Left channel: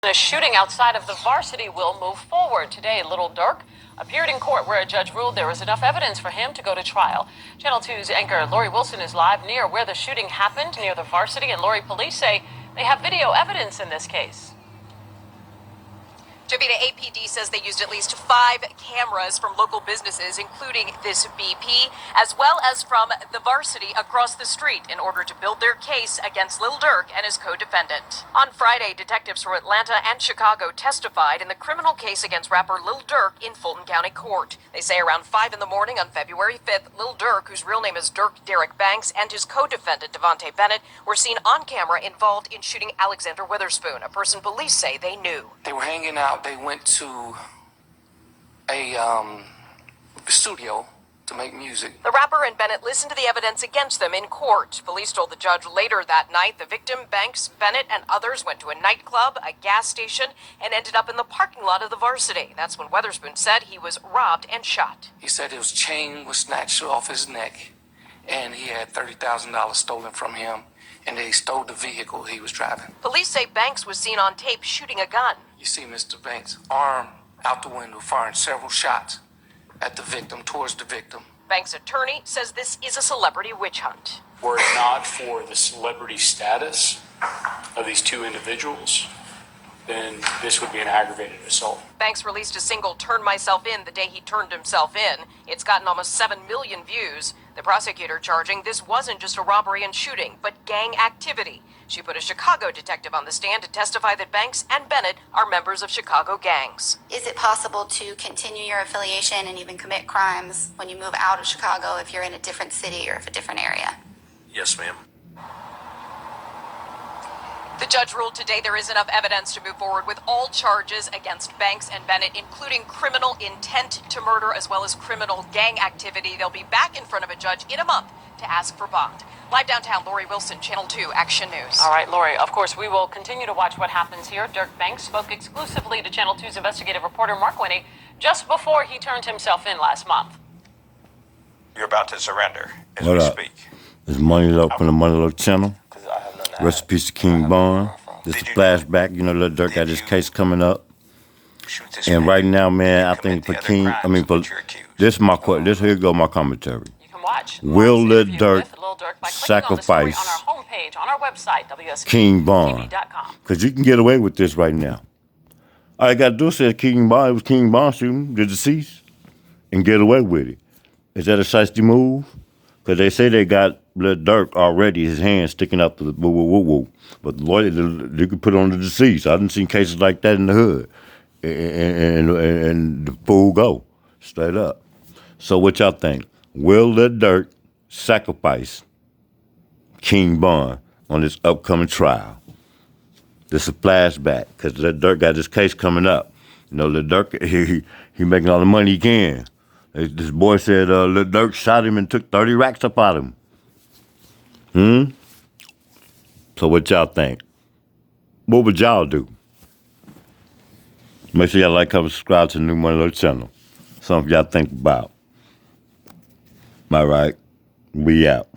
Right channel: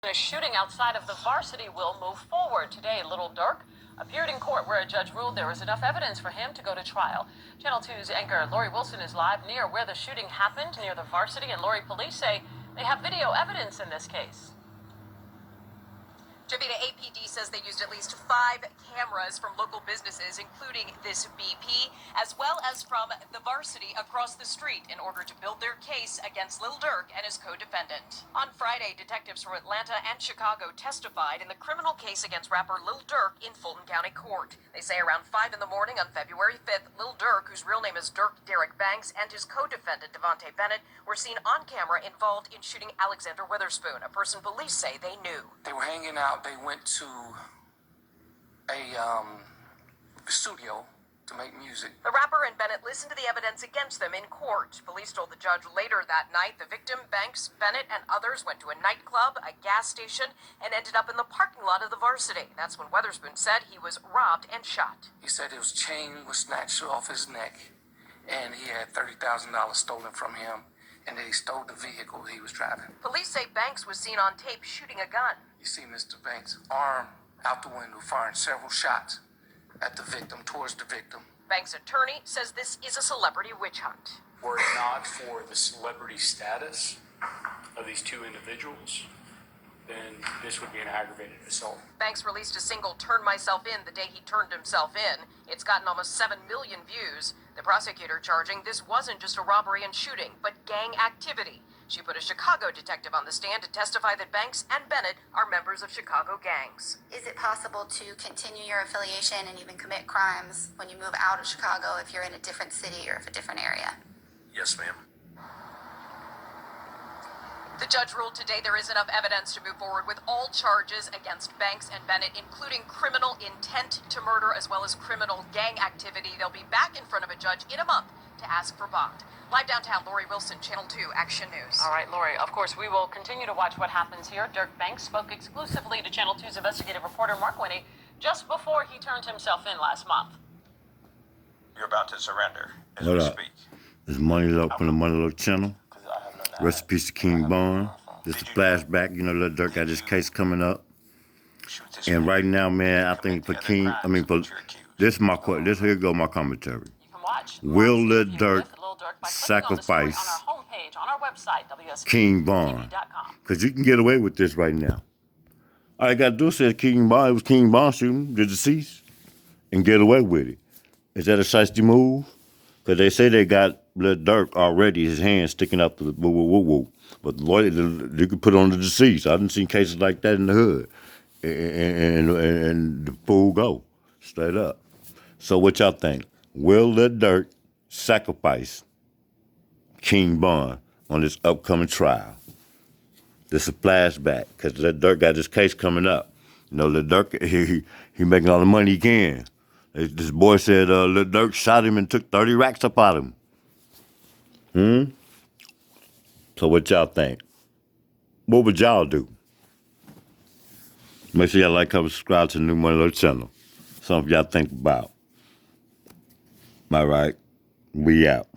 A shooting outside of the varsity will move forward. Today, Lil Durk appeared in court where a judge ruled there was enough evidence for him to go to trial. Channel 2's anchor Lori Wilson is live near where the shooting happened, near the varsity, and Lori, police say they have video evidence in this case. Javita, APD says they used at least 5 cameras from local businesses, including this BP, as well as from the varsity across the street in order to build their case against Lil Durk and his co-defendant. On Friday, detectives from Atlanta and Chicago testified in the criminal case against rapper Lil Durk in Fulton County Court. They say around 5 in the morning on February 5th, Lil Durk, whose real name is Dirk Derek Banks, and his co-defendant Devontae Bennett were seen on camera involved in shooting Alexander Witherspoon, a person police say they knew. They were hanging out. They went to a studio to make music. The rapper and Bennett listened to the evidence against them in court. Police told the judge later that night the victim, Banks, Bennett, and others went to a nightclub, a gas station, and ended up in the parking lot of the varsity. That's when Witherspoon said he was robbed and shot. He said his chain was snatched off his neck, and he had $30,000 stolen from him, and they stole the vehicle he was driving. Police say Banks was seen on tape shooting a gun. You see Mr. Banks' arm out the window firing several shots at the victim, towards the victim. Banks' attorney says this is a celebrity witch hunt. Were it not for the celebrity status of these two individuals, then this would be an aggravated assault. Banks released a single "Turn Myself In" the day he turned himself in. It's gotten almost 7 million views. The prosecutor charging this wasn't just a robbery and shooting, but gang activity. She put a Chicago detective on the stand to testify that Banks and Bennett are members of Chicago gangs. Is it possible to continue your affiliation and even commit crimes when you move out of Chicago if you're in a different city or if a different area? Yes, ma'am. The judge ruled today there is enough evidence to move forward with all charges against Banks and Bennett, including criminal intent to murder as well as criminal gang activity. They'll be back in front of a judge in a month to ask for bond. Live downtown, Lori Wilson, Channel 2 Action News. All right, Lori, of course, we will continue to watch what happens here. Dirk Banks spoke exclusively to Channel 2's investigative reporter Mark Winnie just before he turned himself in last month. You're about to surrender as What we up? speak. It's Money Low from the Money Low channel. Rest in peace to King Bond. This is a flashback. You know, Lil Durk got his case coming up. And right now, man, I think for King, this is my question. Here go my commentary. You can watch. Will Lil Durk by sacrifice on our homepage, on our website, King Bond? Because you can get away with this right now. All I got to do is say King Bond, it was King Bond shooting the deceased, and get away with it. Is that a shiesty move? Because they say they got Lil Durk already, his hands sticking up to the woo-woo-woo-woo. But the lawyer, you could put on the deceased. I didn't see cases like that in the hood. And the fool go, straight up. So what y'all think? Will Lil Durk sacrifice King Bond on this upcoming trial? This is a flashback, because Lil Durk got his case coming up. You know, Lil Durk, he making all the money he can. This boy said Lil Durk shot him and took 30 racks up out of him. So what y'all think? What would y'all do? Make sure y'all like, comment, subscribe to the new Money Low channel. Something y'all think about. All right, we out.